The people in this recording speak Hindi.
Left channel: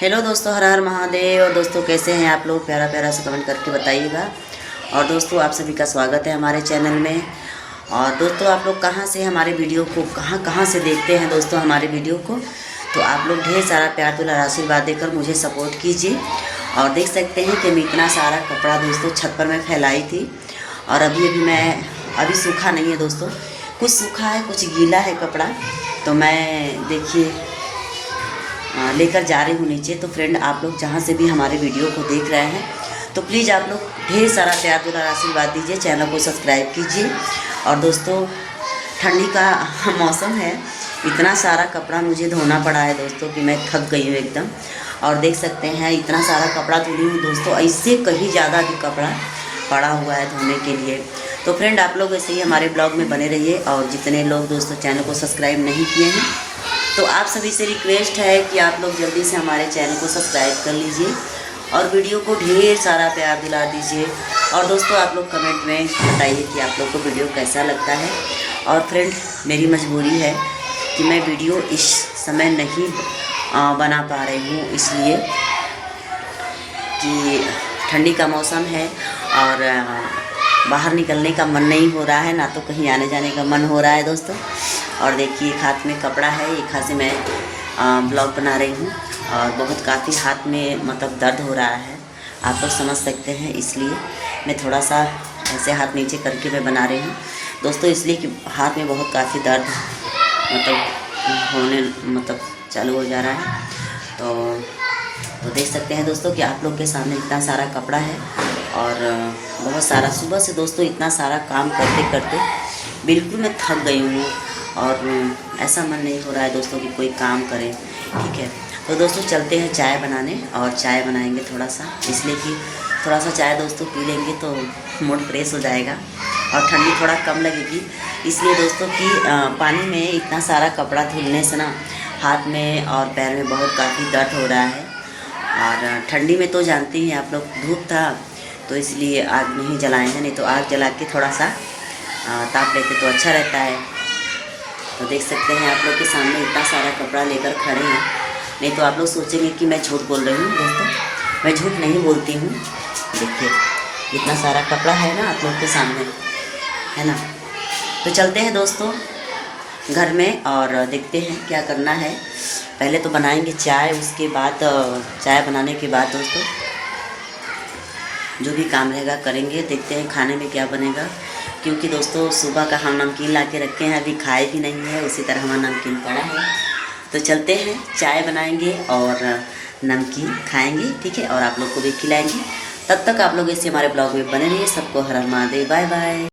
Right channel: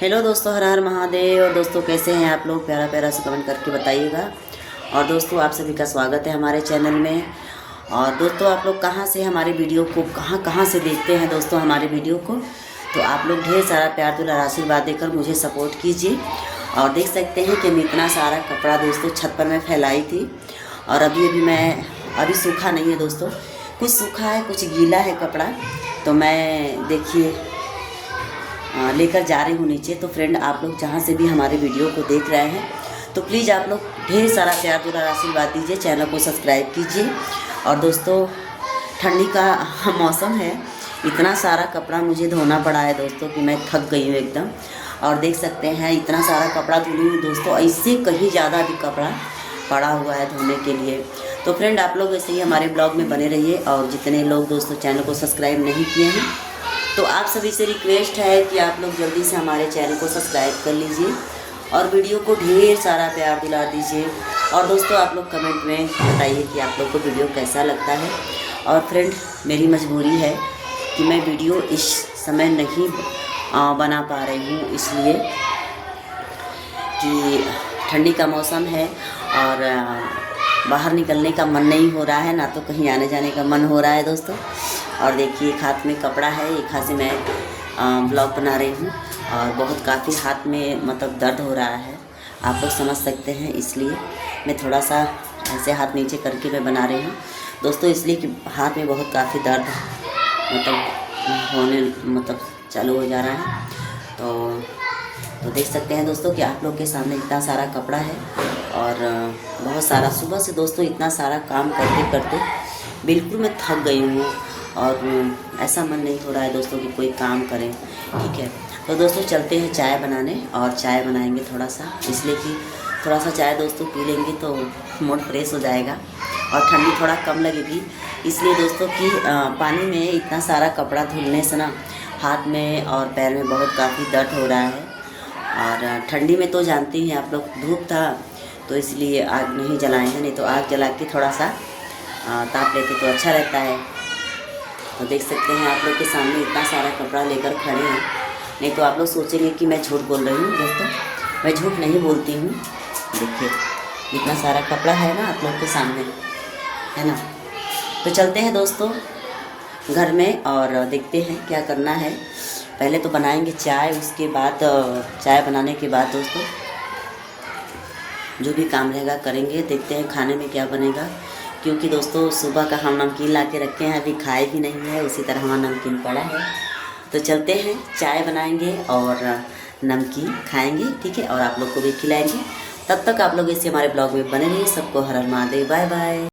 हेलो दोस्तों, हर हर महादेव। और दोस्तों कैसे हैं आप लोग? प्यारा प्यारा से कमेंट करके बताइएगा। और दोस्तों आप सभी का स्वागत है हमारे चैनल में। और दोस्तों आप लोग कहाँ से हमारे वीडियो को कहाँ कहाँ से देखते हैं दोस्तों हमारे वीडियो को, तो आप लोग ढेर सारा प्यार दुलार आशीर्वाद देकर मुझे सपोर्ट कीजिए। और देख सकते हैं कि मैं इतना सारा कपड़ा दोस्तों छत पर मैं फैलाई थी, और अभी सूखा नहीं है दोस्तों, कुछ सूखा है कुछ गीला है कपड़ा। तो मैं देखिए लेकर जा रही हूँ नीचे। तो फ्रेंड आप लोग जहाँ से भी हमारे वीडियो को देख रहे हैं तो प्लीज़ आप लोग ढेर सारा प्यार दुलार आशीर्वाद दीजिए, चैनल को सब्सक्राइब कीजिए। और दोस्तों ठंडी का मौसम है, इतना सारा कपड़ा मुझे धोना पड़ा है दोस्तों कि मैं थक गई हूँ एकदम। और देख सकते हैं इतना सारा कपड़ा धुली हूँ दोस्तों, इससे कहीं ज़्यादा भी कपड़ा पड़ा हुआ है धोने के लिए। तो फ्रेंड आप लोग ऐसे ही हमारे ब्लॉग में बने रहिए। और जितने लोग दोस्तों चैनल को सब्सक्राइब नहीं किए हैं तो आप सभी से रिक्वेस्ट है कि आप लोग जल्दी से हमारे चैनल को सब्सक्राइब कर लीजिए और वीडियो को ढेर सारा प्यार दिला दीजिए। और दोस्तों आप लोग कमेंट में बताइए कि आप लोग को वीडियो कैसा लगता है। और फ्रेंड मेरी मजबूरी है कि मैं वीडियो इस समय नहीं बना पा रही हूँ, इसलिए कि ठंडी का मौसम है और बाहर निकलने का मन नहीं हो रहा है, ना तो कहीं आने जाने का मन हो रहा है दोस्तों। और देखिए एक हाथ में कपड़ा है, एक हाथ से मैं ब्लॉग बना रही हूँ और बहुत काफ़ी हाथ में मतलब दर्द हो रहा है, आप लोग समझ सकते हैं। इसलिए मैं थोड़ा सा ऐसे हाथ नीचे करके मैं बना रही हूँ दोस्तों, इसलिए कि हाथ में बहुत काफ़ी दर्द मतलब चालू हो जा रहा है। तो देख सकते हैं दोस्तों कि आप लोग के सामने इतना सारा कपड़ा है और बहुत सारा सुबह से दोस्तों इतना सारा काम करते करते बिल्कुल मैं थक गई हूँ और ऐसा मन नहीं हो रहा है दोस्तों कि कोई काम करें, ठीक है। तो दोस्तों चलते हैं चाय बनाने, और चाय बनाएंगे थोड़ा सा, इसलिए कि थोड़ा सा चाय दोस्तों पी लेंगे तो मूड फ्रेश हो जाएगा और ठंडी थोड़ा कम लगेगी। इसलिए दोस्तों कि पानी में इतना सारा कपड़ा धुलने से ना हाथ में और पैर में बहुत काफ़ी दर्द हो रहा है। और ठंडी में तो जानते ही आप लोग धूप था तो इसलिए आग नहीं जलाए हैं, नहीं तो आग जला के थोड़ा सा ताप लेते तो अच्छा रहता है। तो देख सकते हैं आप लोग के सामने इतना सारा कपड़ा लेकर खड़े हैं, नहीं तो आप लोग सोचेंगे कि मैं झूठ बोल रही हूँ दोस्तों, मैं झूठ नहीं बोलती हूँ। देखिए इतना सारा कपड़ा है ना आप लोग के सामने, है ना। तो चलते हैं दोस्तों घर में और देखते हैं क्या करना है। पहले तो बनाएंगे चाय, उसके बाद चाय बनाने के बाद दोस्तों जो भी काम रहेगा करेंगे। देखते हैं खाने में क्या बनेगा, क्योंकि दोस्तों सुबह का हम नमकीन ला के रखे हैं, अभी खाए भी नहीं है, इसी तरह हमारा नमकीन पड़ा है। तो चलते हैं चाय बनाएंगे और नमकीन खाएंगे, ठीक है, और आप लोग को भी खिलाएंगे। तब तक आप लोग ऐसे हमारे ब्लॉग में बने रहिए। सबको हर हर महादेव, बाय बाय।